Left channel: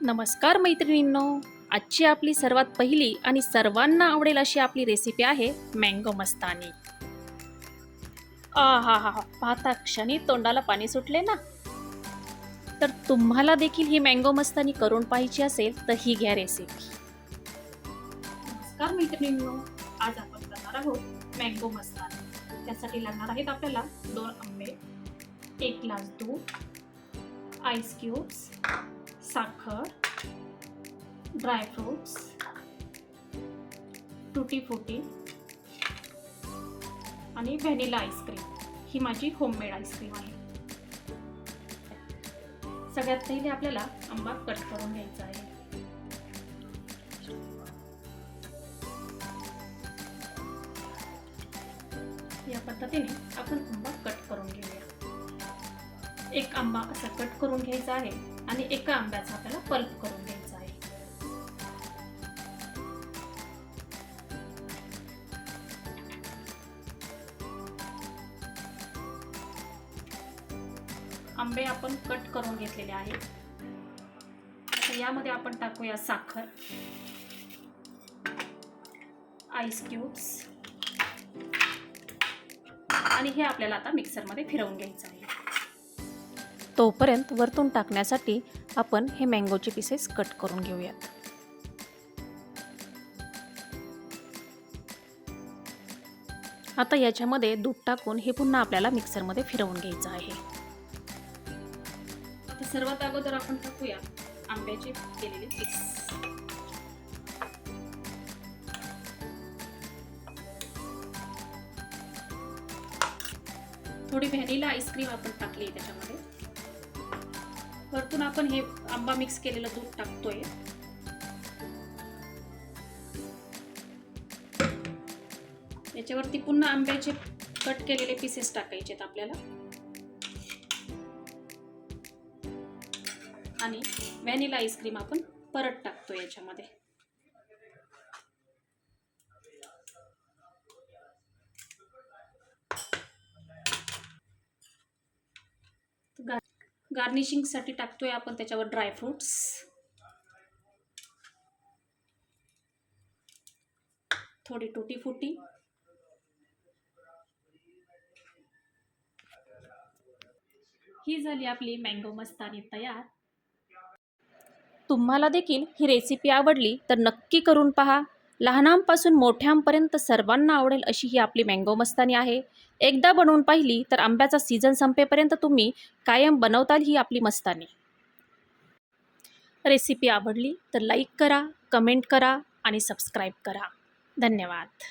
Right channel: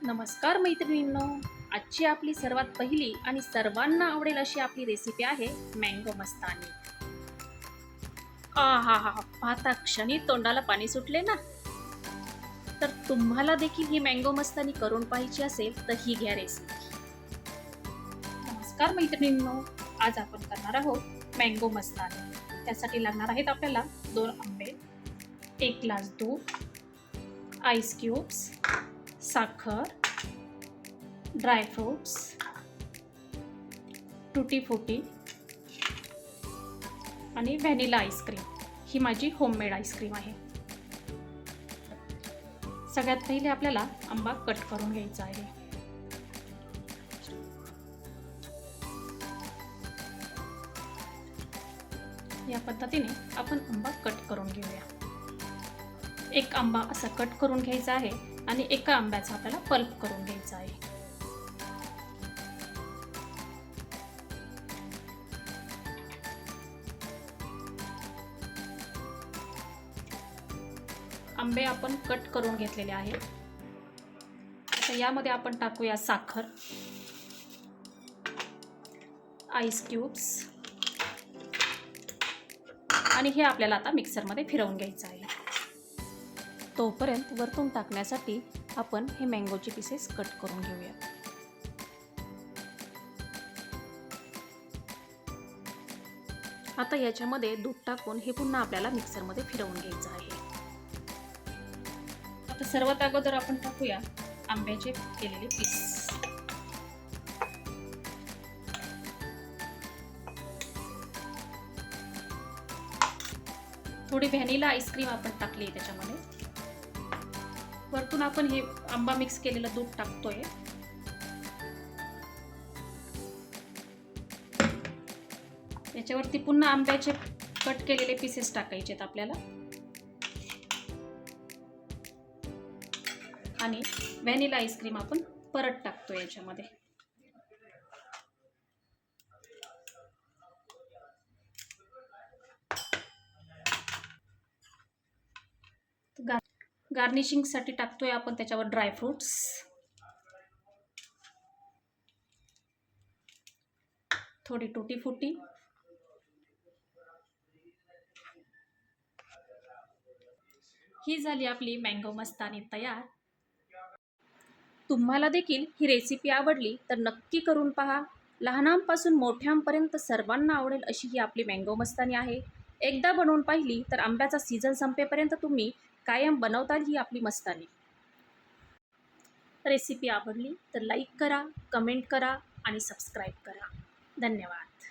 नमस्कार मैत्रिणींनो, आजची आपली सर्वात पहिली आणि सर्वांना आवडेल अशी आपली रेसिपी आहे मँगो मस्तानी. हा हा हा, पाहता क्षणी तोंडाला पाणी सुटले ना. तर तुम्हाला देखील ही मँगो मस्तानी करून पाहायची असेल तर ही घ्या रेसिपी. नमस्कार मैत्रिणींनो, आज आपण करणार आहोत मँगो मस्तानी. त्यासाठी लागणार आहेत आपल्याला 2 आंबे, 1 ग्लास दूध, आईस क्यूब्स, साखर, ड्रायफ्रूट्स, टुटी फ्रुटी आणि व्हॅनिला आईस्क्रीम. ही माझी होममेड आईस्क्रीम आहे. सगळ्यात पहिले आपल्याला आंबा कट करून घ्यायचा आहे. या पद्धतीने आपण आंबा कट करून घेऊया. एक आंबा असा कट करून घ्यायचा आहे आणि एका आंब्याचा आपल्याला पल्प करून घ्यायचा आहे. आंबे आपण कट करून घेतलेले आहेत. आता यामध्ये आपण टाकूया साखर, आईस क्यूब्स आणि हे आपल्याला आता मिक्सरमध्ये फिरवून घ्यायचं आहे. तोपर्यंत वरतून टाकण्यासाठी आपण हे मँगोचे पीसेस कट करून घेऊयात. आता याच्यामध्ये दूध टाकून हे पुन्हा आपल्याला मिक्सरमध्ये फिरवून घ्यायचं आहे. आता सर्वात अगोदर आपण टाकूया आंब्याचे केलेले पीस. थोडी व्हॅनिला आईस्क्रीम आपण टाकली त्याच्यामध्ये. वरतून आपण हे आंबा मिक्स केलेलं दूध टाकतोय. याच्यावरती पुन्हा आंब्याचे कट केलेले पीसेस टाकायचे आहेत आपल्याला आणि व्हॅनिला आईस्क्रीम आपण परत टाकतो याच्यामध्ये. गार्निशिंगसाठी टाकतोय आपण त्याच्यावर ड्रायफ्रूट्स, थोडी टुटी फ्रुटी, ही झाली आपली मँगो मस्तानी तयार. तुम्हाला देखील ही रेसिपी आवडली तर नक्की करून पहा. लहानांपासून मोठ्यांपर्यंत सर्वांना आवडेल अशी ही आपली मँगो मस्तानी आहे. एकदा बनवून पाहिली तर आंब्याचा सीझन संपेपर्यंत तुम्ही कायम बनवताल ही आपली मस्तानी. रेसिपी आवडली तर लाईक करा, कमेंट करा आणि सबस्क्राईब करा. धन्यवाद.